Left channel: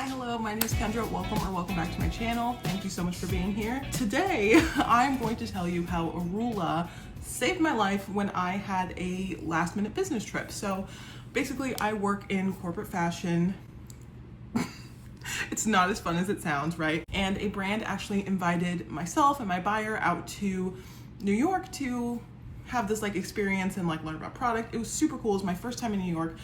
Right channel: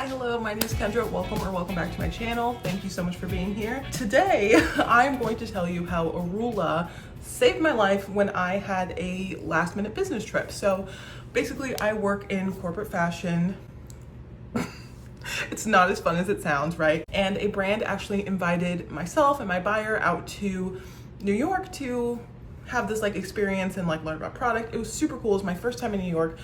Hi, hello, my name is Kendra. Welcome back to my channel. Thank you so much for being here. Today, I'm going to tell you how Arula saved my life when I had a last minute business trip. So basically I work in corporate fashion. It's not as fun as it sounds, right? And a brand actually invited myself and my buyer out to New York to have this like experience and like learn about product. It was super cool. It was my first time in New York.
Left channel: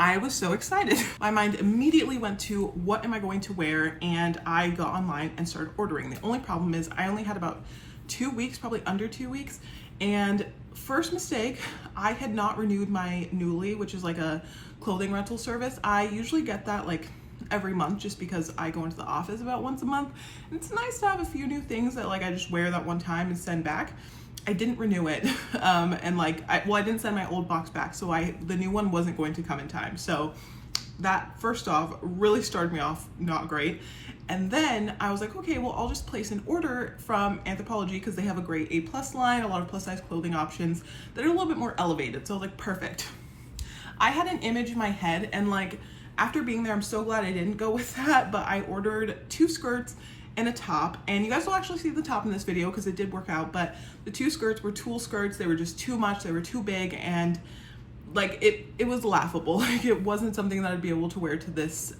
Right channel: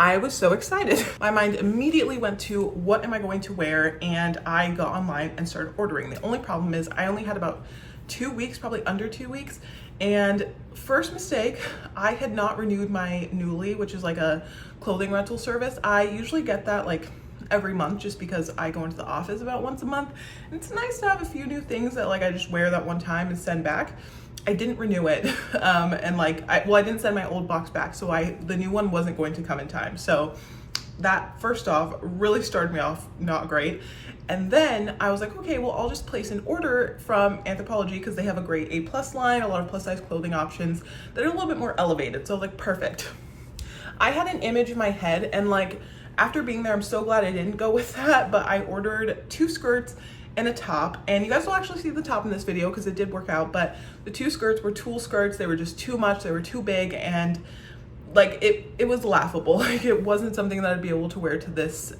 I was so excited. My mind immediately went to what am I going to wear, and I got online and started ordering. The only problem is I only had about 2 weeks, probably under 2 weeks. And first mistake, I had not renewed my Nuuly, which is like a clothing rental service. I usually get that like every month just because I go into the office about once a month. And it's nice to have a few new things that like I just wear that one time and send back. I didn't renew it, and like, I didn't send my old box back, so the new one wasn't going to come in time. So that, first off, really started me off not great. And then I was like, okay, well, I'll just place an order from Anthropologie because they have a great A+ line, a lot of plus size clothing options that are a little bit more elevated. So I was like, perfect. I had an image in my head, and like, after being there, I'm so glad I didn't go with that, but I ordered 2 skirts and a top, and you guys will actually see the top in this video because it did work out, but the 2 skirts were tulle skirts. They were just too much, they were too big, and like it was laughable. Like, it wasn't something that I'd be able to wear to this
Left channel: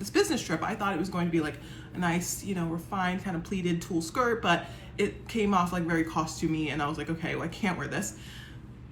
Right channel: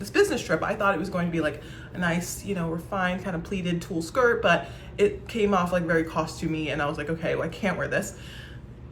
this business trip. I thought it was going to be like a nice, you know, refined kind of pleated tulle skirt, but it came off like very costumey, and I was like, okay, well, I can't wear this.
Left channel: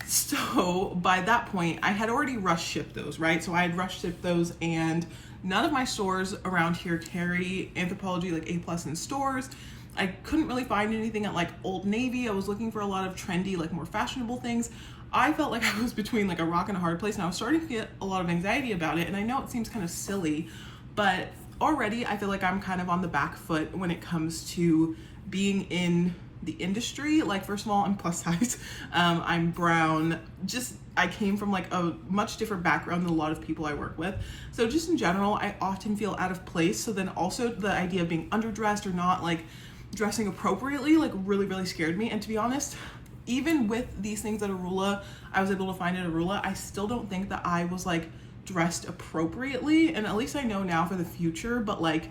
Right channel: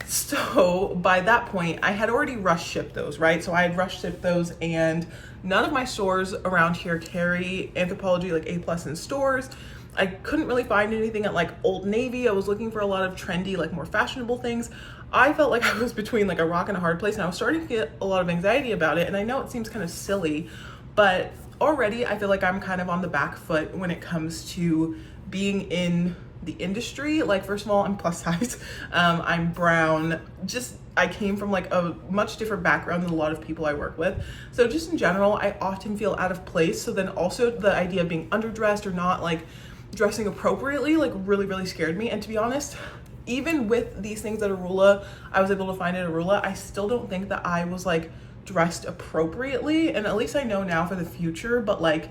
So by that point, I had already rush shipped those, right? So I had rush shipped those, and none of my stores around here carry Anthropologie like A+ in stores. I couldn't really find anything at like Old Navy. I was looking for a lot of trendy, like more fashionable things. I felt like I was between like a rock and a hard place, and I was starting to get a lot of anxiety about it. And I know it seems kind of silly, but already I feel like I'm kind of on the back foot when it comes to being in the industry. Like, first of all, I'm plus size, I'm brown, just I came from like a much different background than a lot of people I work with. So just in general, I often feel out of place. So then also the idea of being underdressed or not like dressing appropriately like really scared me. And to be honest, even with these things at Arula, I was able to find at Arula, I still don't think that I was like dressed appropriately. And at least I know now for the future, but like,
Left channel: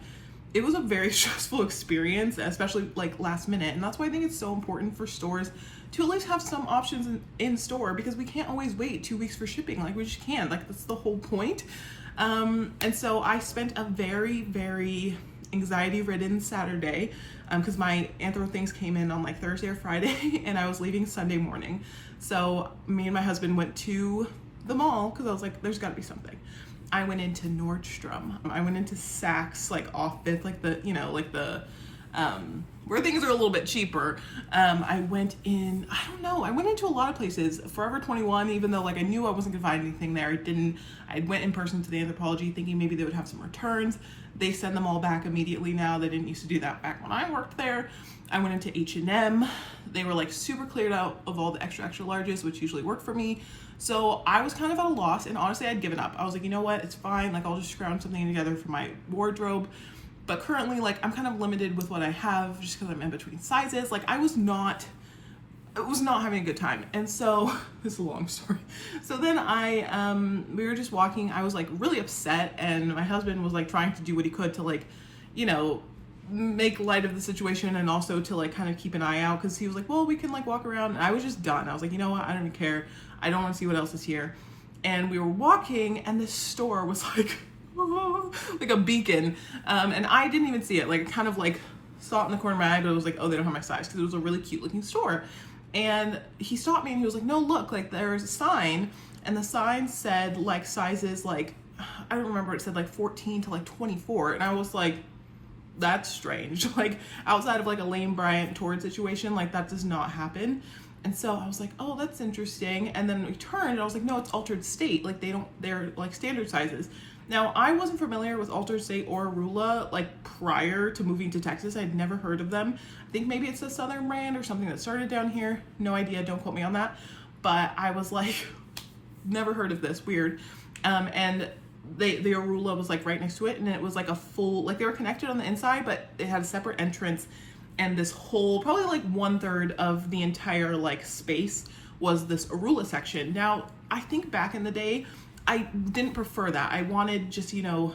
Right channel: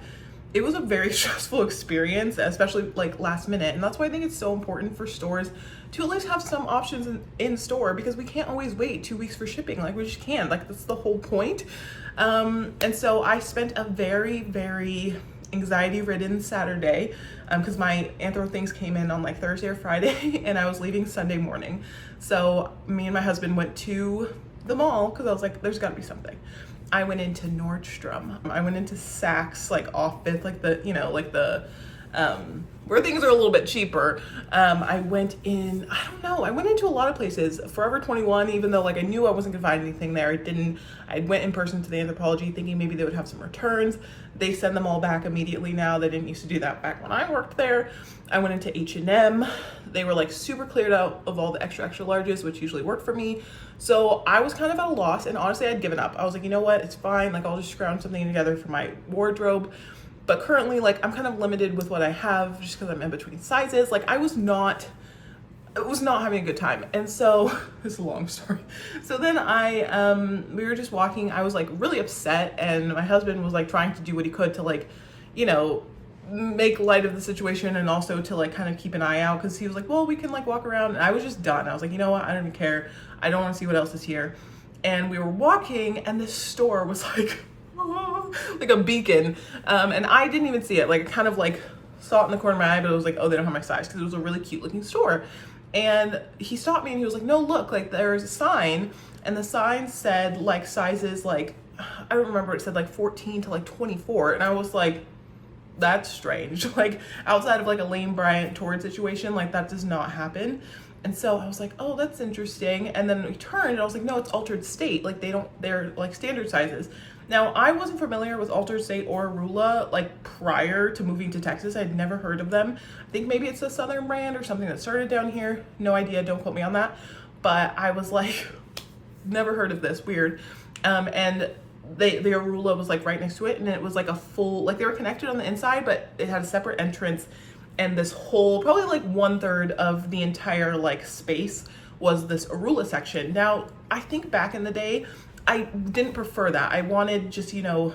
it was a very stressful experience, especially like last minute. And that's why I think it's so important for stores to at least have some options in store, because we can't always wait 2 weeks for shipping. Like, we just can't, like, that's the whole point. And so I spent a very anxiety ridden Saturday, because my Anthro things came in on like Thursday or Friday, and I was leaving Sunday morning. So me and my husband went to the mall because I was like, there's gotta be something. I went into Nordstrom. I went into Saks, like off Fifth, like the, you know, like the, where things are a little bit cheaper. I went in, I don't know, I went into a lot of places. Forever 21, even though like I knew I wasn't gonna find anything there, I went in person to the Anthropologie thinking maybe they would have some returns. They send them all back immediately now. They didn't used to do that back when I worked there. I went into H&M. They were like super cleared out of all the extra larges, which usually work for me. So I was kind of at a loss, and honestly, I'd given up. I was like, you know what, it's fine. Like, I'll just scrounge something together for my wardrobe. But currently, like, I'm kind of limited with what I have just because I'm in between sizes. Like, I was not having a good time. And so, this is a long story. So then we were just walking. I was like really upset, and my husband was like trying to do what he could to like, you know, make light of the situation, and also to like kind of keep an eye out, because he was like, well, we can like walk around. And I was just done. I was like, you know what, I don't even care. I don't want to see what else is here. And we were walking, and this store was like like a beacon, and I didn't even see it. Like, I kind of like saw it in the corner of my eye, but it was like, oh, they don't have my size, because it was a really cute looking store. And he stopped me and he was like, no, look, like there's a sign, and the sign said like sizes, like I don't remember, it said like 14 to like 24. And I was like, that's strange. Like, outside of like a Lane Bryant Torrid situation, like that does not happen. And so I was like, oh, that's interesting. And then we turned and I was like, no, it's Altered State. Like, they're like standard sizes. Now, I wasn't familiar with Altered State or Arula like prior to moving to Texas. I'd never heard of them. I think maybe it's a Southern brand or something that started down here. No idea, don't quote me on that. But I was like, never heard of this, weird. And the Arula was like right next to it, and it was like a full, like they were connected on the inside, but it had a separate entrance. And this whole, probably like 1/3 of the entire like space was this Arula section. Now, I think back in the day, I didn't prefer that. I wanted just, you know,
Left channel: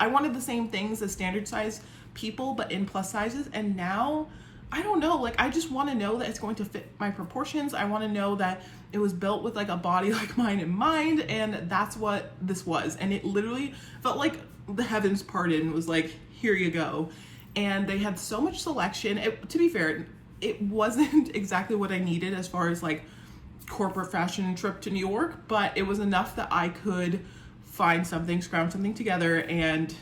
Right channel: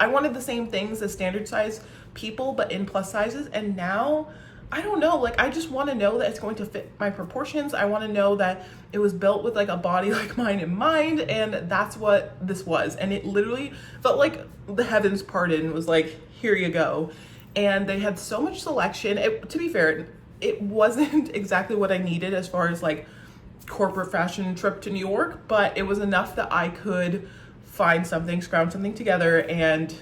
I wanted the same things as standard size people, but in plus sizes. And now, I don't know, like I just want to know that it's going to fit my proportions. I want to know that it was built with like a body like mine in mind, and that's what this was. And it literally felt like the heavens parted and was like, here you go. And they had so much selection. To be fair, it wasn't exactly what I needed as far as like corporate fashion trip to New York, but it was enough that I could find something, scrounge something together, and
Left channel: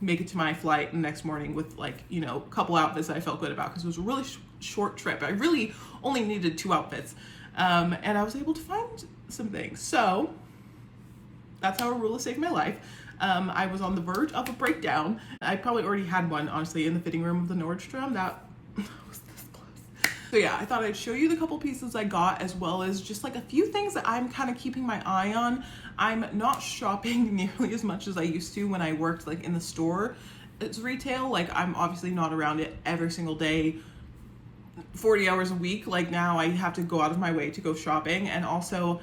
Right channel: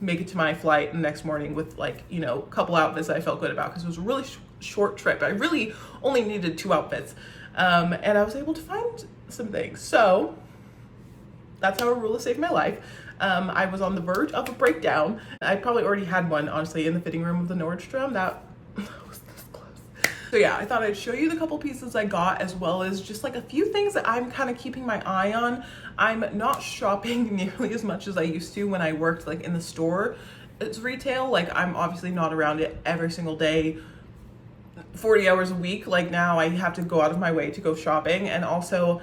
make it to my flight the next morning with like, you know, a couple outfits that I felt good about, because it was a really short trip. I really only needed 2 outfits. And I was able to find some things. So that's how Arula saved my life. I was on the verge of a breakdown. I probably already had one, honestly, in the fitting room of the Nordstrom. That was this close. So yeah, I thought I'd show you the couple pieces I got, as well as just like a few things that I'm kind of keeping my eye on. I'm not shopping nearly as much as I used to when I worked like in the store. It's retail. Like I'm obviously not around it every single day, 40 hours a week. Like now I have to go out of my way to go shopping. And also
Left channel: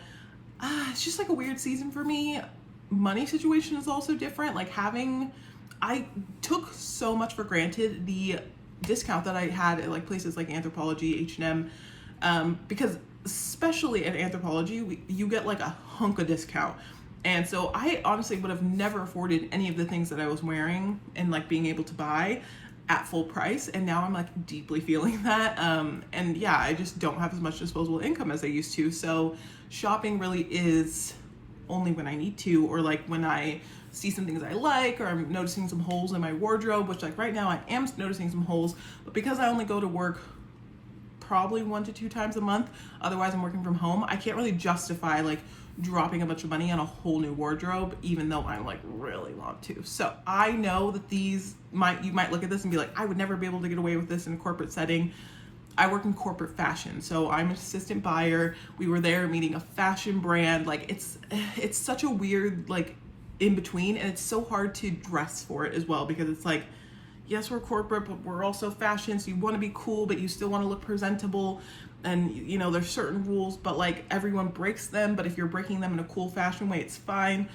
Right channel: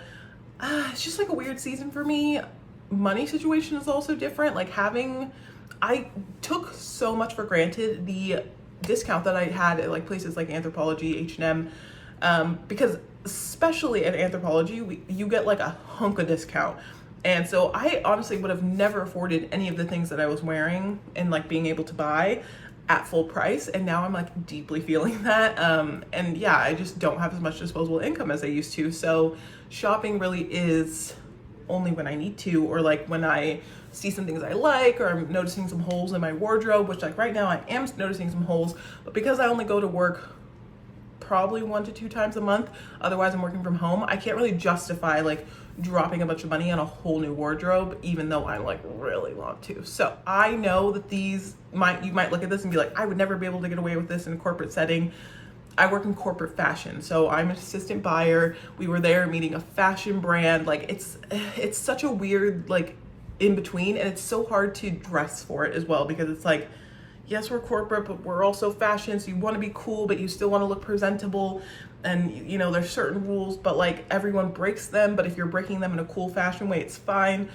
it's just like a weird season for me. Money situation is also different. Like I took so much for granted the discount that I had at like places like Anthropologie, H&M, because especially at Anthropologie, you get like a hunk of discount. And so I honestly would have never afforded any of the things that I was wearing and like being able to buy at full price. And now I'm like deeply feeling that. And yeah, I just don't have as much disposable income as I used to. So shopping really is only when I need to, or like when I see some things I like, or I'm noticing some holes in my wardrobe, which like right now I am noticing some holes, but because I only go to work probably 1 to 2 times a month, otherwise I'm working from home, I can't really justify like dropping a bunch of money on a whole new wardrobe, even though I like really want to. So I know that you might look at this and be like, I would never be able to get away with this in a corporate setting. I work in corporate fashion, so I'm an assistant buyer. We were there meeting a fashion brand. Like it's such a weird like in between, and it's so hard to dress for it as well, because it's like, yes, we're corporate, but we're also fashion, so you want to be cool, but you still want to look presentable. And you know, there's certain rules, but like everyone breaks them, but if you're breaking them in a cool fashion way, it's fine.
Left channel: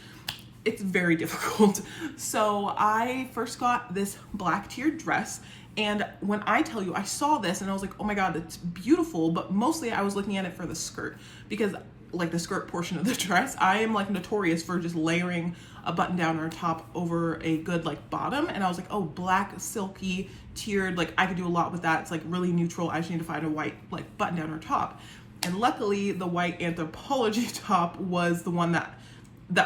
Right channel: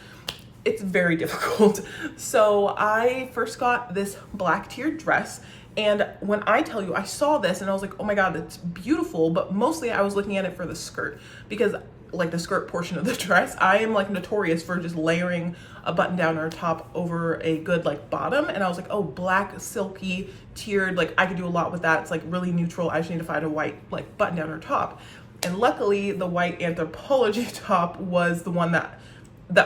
It's very difficult. So I first got this black tiered dress, and when I tell you, I saw this and I was like, oh my God, it's beautiful. But mostly I was looking at it for the skirt, because like the skirt portion of the dress, I am like notorious for just layering a button down or top over a good like bottom. And I was like, oh, black, silky, tiered, like I could do a lot with that. It's like really neutral. I just need to find a white like button down or top. And luckily the white Anthropologie top was the one that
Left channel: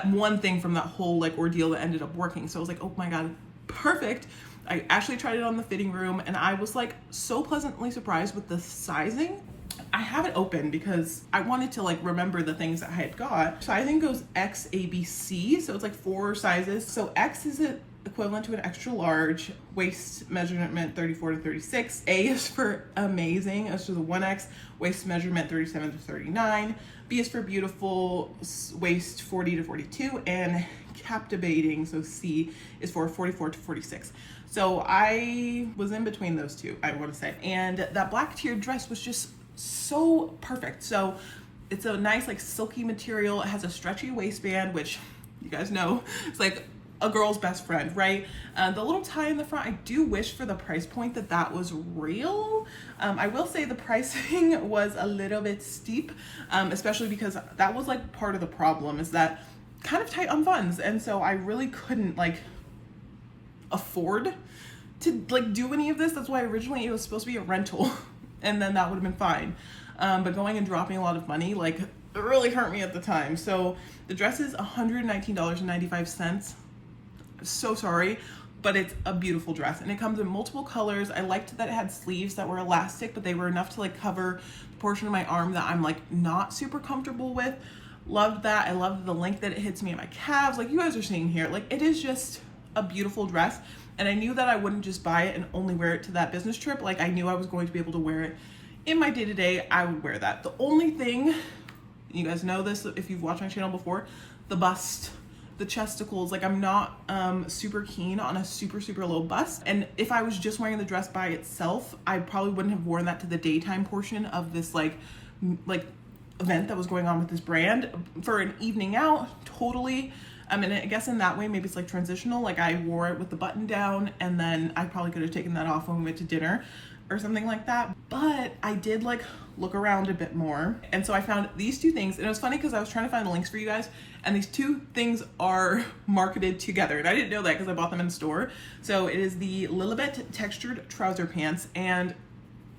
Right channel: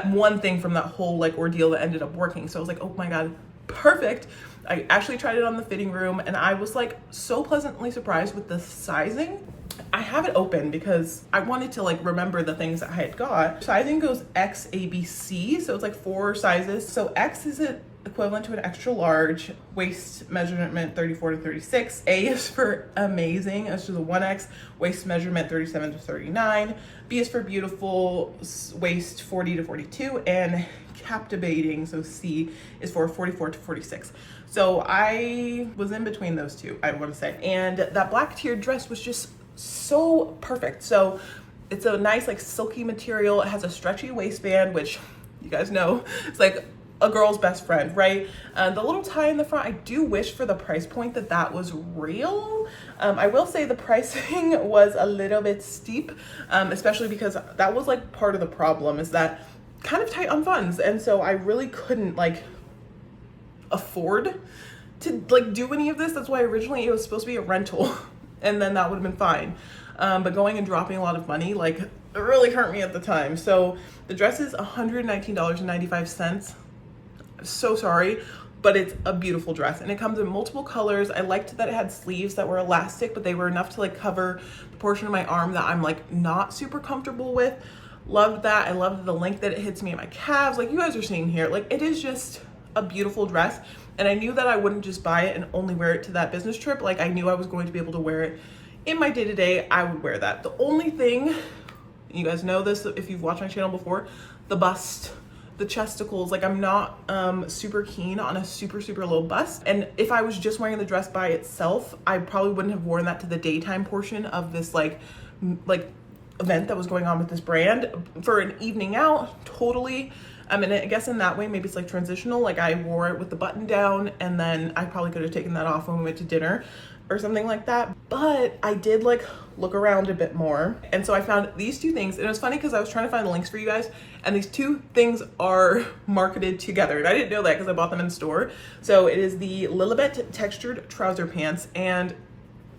one thing from that whole like ordeal that ended up working. So I was like, oh my God, perfect. I actually tried it on the fitting room, and I was like so pleasantly surprised with the sizing. I have it open because I wanted to like remember the things that I had got. Sizing goes X, A, B, C. So it's like 4 sizes. So X is equivalent to an extra large. Waist measurement 34 to 36. A is for amazing. That's just a 1X. Waist measurement 37 to 39. B is for beautiful. Waist 40 to 42. And captivating, so C, is for 44 to 46. So I was in between those two, I want to say. And that black tiered dress was just so perfect. So it's a nice like silky material. It has a stretchy waistband, which you guys know, it's like a girl's best friend, right? The little tie in the front, I do wish for the price point that was real. I will say the pricing was a little bit steep, especially because that was like part of the problem, is that kind of tight on funds. And so I really couldn't like afford to like do any of this. That's why originally it was supposed to be a rental, and then that would have been fine. But going and dropping a lot of money, like it really hurt me at the time. So the dress is $119.95. So sorry, but it's a beautiful dress, and it comes in multiple colors. I liked that it had sleeves that were elastic, but they were enough to like cover the portion of my arm that I'm like not super comfortable with. Loved that. I loved the length that it hits me in my calves, like you guys are seeing here. Like it is just a beautiful dress, and I knew that I wouldn't just buy it and only wear it to that business trip. Like I knew I was going to be able to wear it in my day-to-day. I would wear that. The only thing, you guys know this if you've watched my channel before, the bust, the chesticles, like I'm not super keen on a super low bust. And if I was just wearing the dress by itself, I probably wouldn't have worn that to the daytime portion of this like event that was going on with this brand. For an evening out, totally. And I guess in that way, maybe it's like transitional. Like I wore it with the button down, and then I probably could have taken that off when we went to dinner or something like that. But I did like look around a bit more. And so I found these two things. And it was funny because I was trying to find the links for you guys. And these two things are marketed together. And I didn't know that because I bought them in store. So it is the Lilibet textured trouser pants. And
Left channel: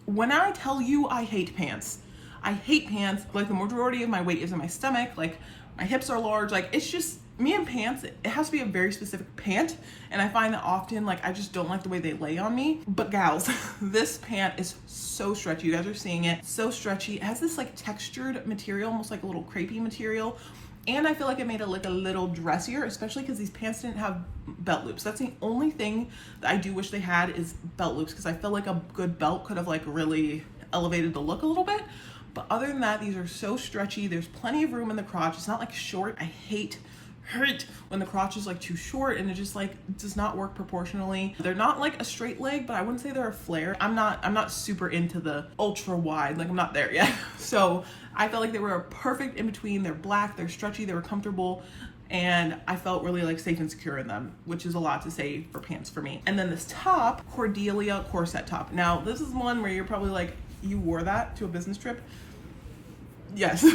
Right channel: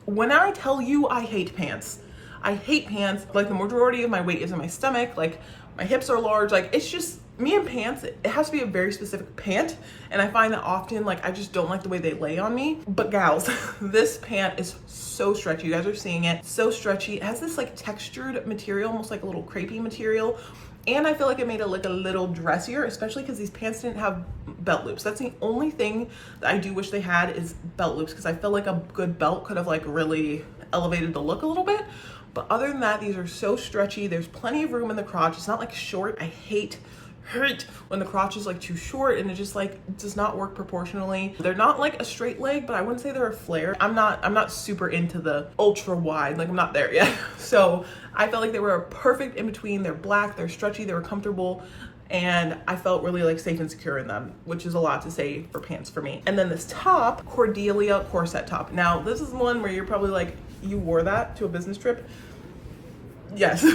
when I tell you I hate pants, I hate pants. Like the majority of my weight is in my stomach. Like my hips are large. Like it's just, me and pants, it has to be a very specific pant. And I find that often, like I just don't like the way they lay on me. But gals, this pant is so stretchy. You guys are seeing it. So stretchy. It has this like textured material, almost like a little crepey material. And I feel like it made it like a little dressier, especially because these pants didn't have belt loops. That's the only thing that I do wish they had is belt loops, because I feel like a good belt could have like really elevated the look a little bit. But other than that, these are so stretchy. There's plenty of room in the crotch. It's not like short. I hate when the crotch is like too short and it just like does not work proportionally. They're not like a straight leg, but I wouldn't say they're a flare. I'm not super into the ultra wide, like I'm not there yet. So I felt like they were a perfect in between. They're black, they're stretchy, they were comfortable, and I felt really like safe and secure in them, which is a lot to say for pants for me. And then this top, Cordelia corset top. Now this is one where you're probably like, you wore that to a business trip? Yes.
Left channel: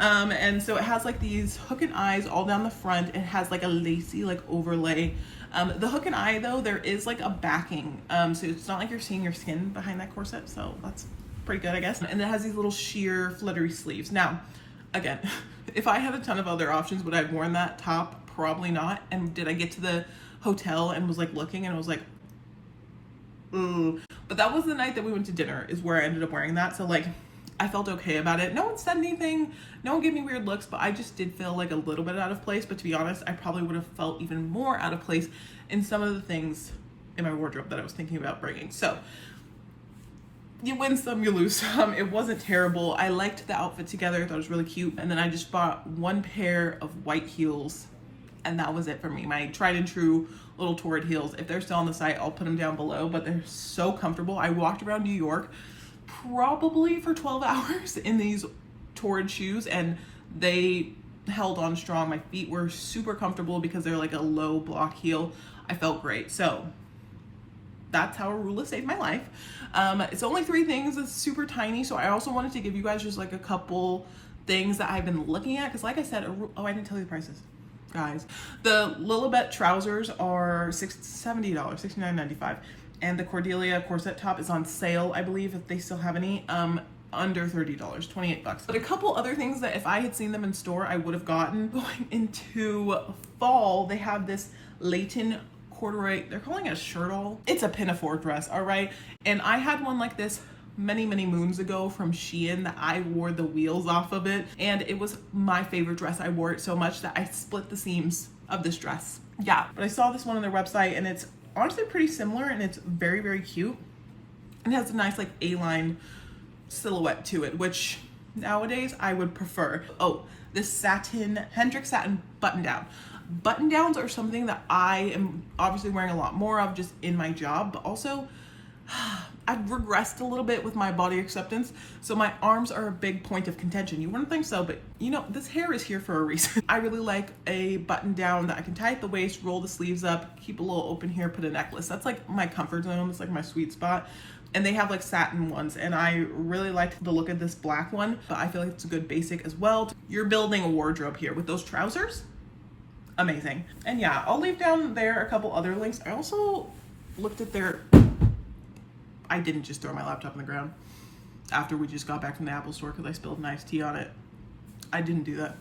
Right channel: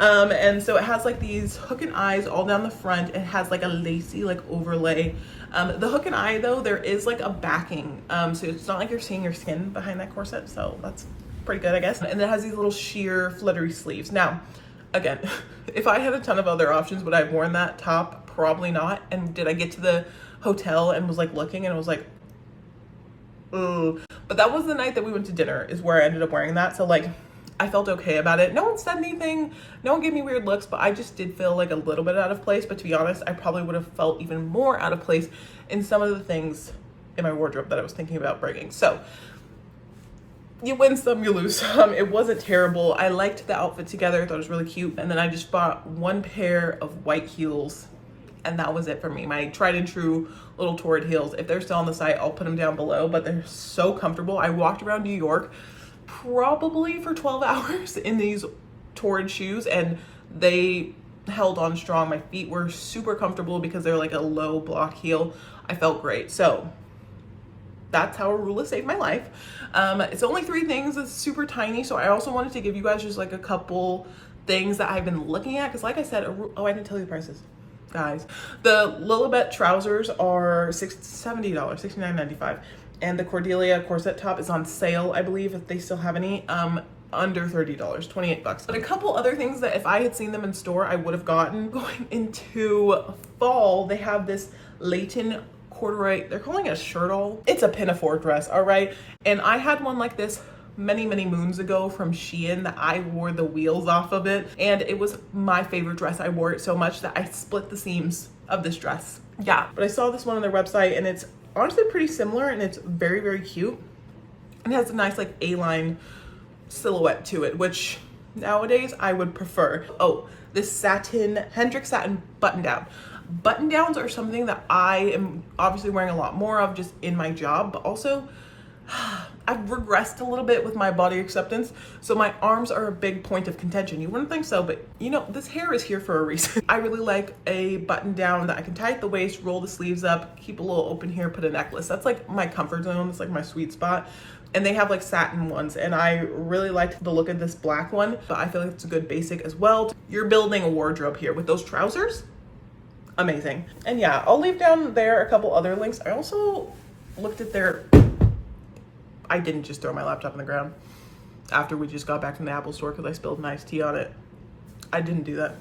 And so it has like these hook and eyes all down the front. It has like a lacy like overlay. The hook and eye though, there is like a backing. So it's not like you're seeing your skin behind that corset. So that's pretty good, I guess. And it has these little sheer fluttery sleeves. Now, again, if I had a ton of other options, would I have worn that top? Probably not. And did I get to the hotel and was like looking and I was like, ooh. But that was the night that we went to dinner is where I ended up wearing that. So like, I felt okay about it. No one said anything. No one gave me weird looks, but I just did feel like a little bit out of place. But to be honest, I probably would have felt even more out of place in some of the things in my wardrobe that I was thinking about bringing. So you win some, you lose some. It wasn't terrible. I liked the outfit together. I thought it was really cute. And then I just bought one pair of white heels, and that was it for me. My tried and true little Torrid heels. If they're still on the site, I'll put them down below, but they're so comfortable. I walked around New York probably for 12 hours in these Torrid shoes, and they held on strong. My feet were super comfortable because they're like a low block heel. I felt great. So that's how Arula saved my life. It's only 3 things. It's super tiny. So I also wanted to give you guys just like a couple things that I've been looking at. Cause like I said, I didn't tell you the prices, guys. The Lilibet trousers are $70, $69.95. And the Cordelia corset top is on sale, I believe, if they still have any, under $30, 28 bucks. But a couple other things that if I had seen them in store, I would have gotten. Going into fall, they have this Leighton corduroy, they're calling it a shirtle. It's a pinafore dress, all right? And I had one like this many moons ago from Shein that I wore the wheels off of it. And it was my favorite dress. I wore it so much that I split the seams of this dress. Yeah, but I saw this one on their website and it's honestly pretty similar, and it's very cute. And it has a nice like A-line silhouette to it, which nowadays I would prefer. Oh, this satin, Hendrix satin button down. Button downs are something that I am obviously wearing a lot more of just in my job, but also I've regressed a little bit with my body acceptance. So my arms are a big point of contention. You wouldn't think so, but you know, this hair is here for a reason. I really like a button down that I can tie at the waist, roll the sleeves up, keep a little open here, put a necklace. That's like my comfort zone. It's like my sweet spot. And they have like satin ones, and I really liked the look of this black one, but I feel like it's a good basic as well. You're building a wardrobe here with those trousers. Amazing. And yeah, I'll leave down there a couple other links. I also looked at their, I didn't just throw my laptop on the ground after we just got back from the Apple store because I spilled an iced tea on it. I didn't do that.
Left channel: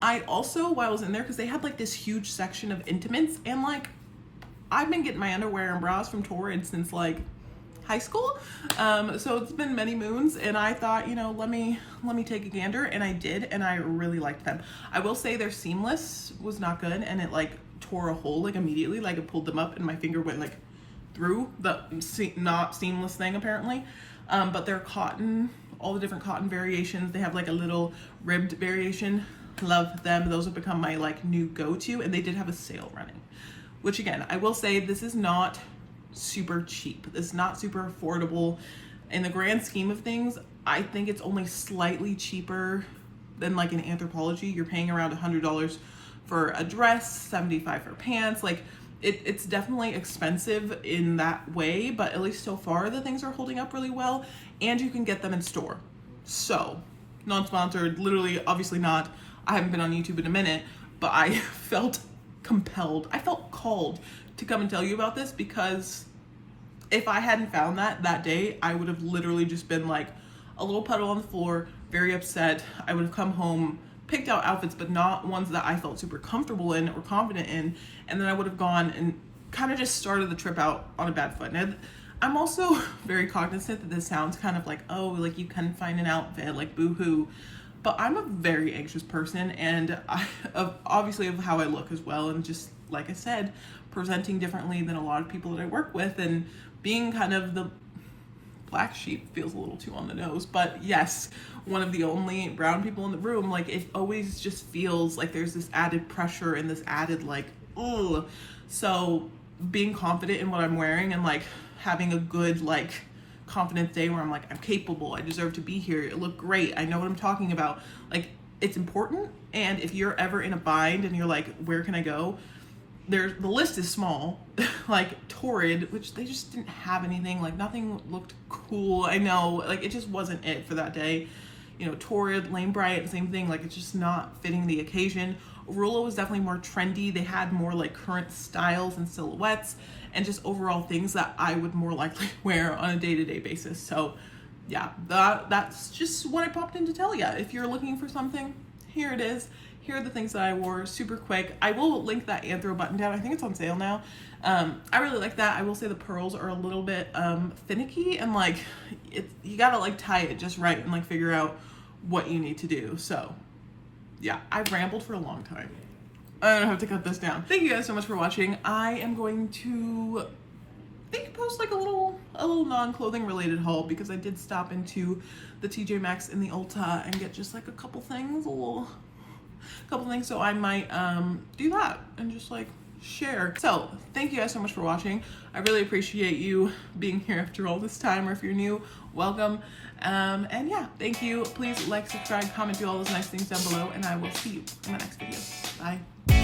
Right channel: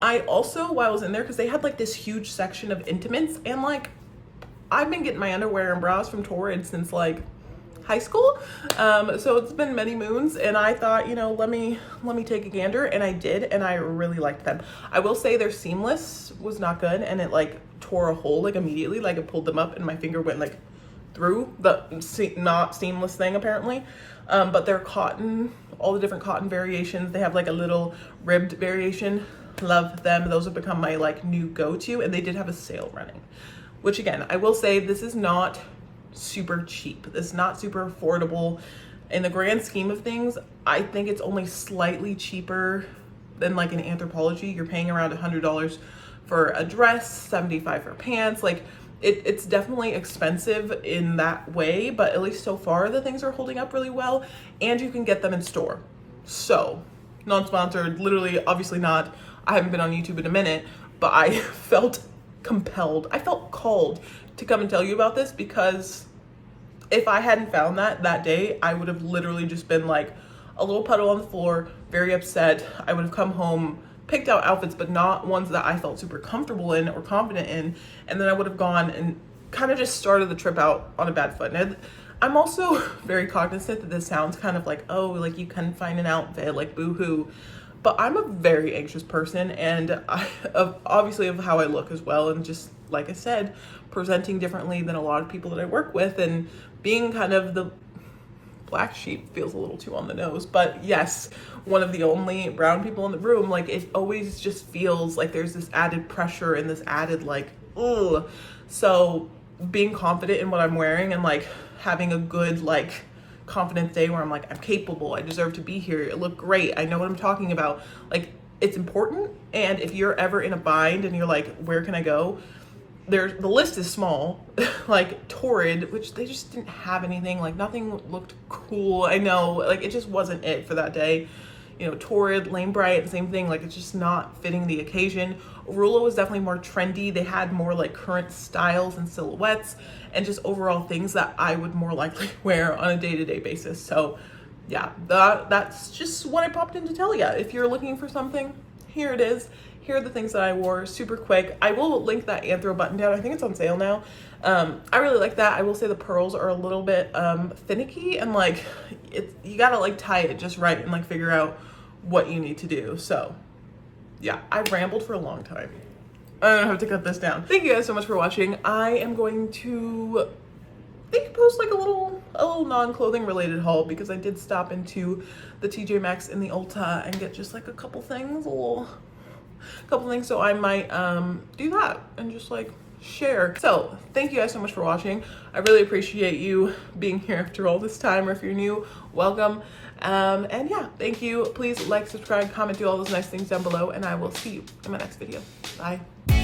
I also, while I was in there, because they had like this huge section of intimates, and like I've been getting my underwear and bras from Torrid since like high school, so it's been many moons, and I thought, you know, let me take a gander, and I did, and I really liked them. I will say their seamless was not good, and it like tore a hole like immediately. Like it pulled them up and my finger went like through the not seamless thing apparently. But they're cotton, all the different cotton variations. They have like a little ribbed variation. Love them. Those have become my like new go-to, and they did have a sale running, which again, I will say this is not super cheap. It's not super affordable in the grand scheme of things. I think it's only slightly cheaper than like an Anthropologie. You're paying around $100 for a dress, $75 for pants. Like it's definitely expensive in that way, but at least so far the things are holding up really well, and you can get them in store. So non-sponsored, literally, obviously not. I haven't been on YouTube in a minute, but I felt compelled. I felt called to come and tell you about this, because if I hadn't found that day, I would have literally just been like a little puddle on the floor, very upset. I would have come home, picked out outfits, but not ones that I felt super comfortable in or confident in. And then I would have gone and kind of just started the trip out on a bad foot. And I'm also very cognizant that this sounds kind of like, oh, like you can find an outfit, like boo-hoo. But I'm a very anxious person, and obviously of how I look as well. And just like I said, presenting differently than a lot of people that I work with, and being kind of the black sheep feels a little too on the nose, but yes, one of the only brown people in the room, like it always just feels like there's this added pressure and this added like, ugh. So being confident in what I'm wearing and like having a good like confidence day where I'm like, I'm capable, I deserve to be here, it look great, I know what I'm talking about, like it's important. And if you're ever in a bind and you're like, where can I go? The list is small. Like Torrid, which they just didn't have anything, like nothing looked cool. I know, like it just wasn't it for that day. You know, Torrid, Lane Bryant, same thing, like it's just not fitting the occasion. Arula was definitely more trendy. They had more like current styles and silhouettes and just overall things that I would more likely wear on a day-to-day basis. So yeah, that's just what I popped in to tell you. If you're looking for something, here it is. Here are the things that I wore super quick. I will link that Anthro button down. I think it's on sale now. I really like that. I will say the pearls are a little bit finicky, and like you gotta like tie it just right and like figure out what you need to do. So yeah, I've rambled for a long time. I don't have to cut this down. Thank you guys so much for watching. I am going to post like a little non-clothing related haul, because I did stop into the TJ Maxx in the Ulta and get just like a couple things, so I might do that and just like share. So thank you guys so much for watching. I really appreciate you being here after all this time, or if you're new, welcome. And yeah, thank you. Please like, subscribe, comment, do all those nice things down below, and I will see you in my next video. Bye.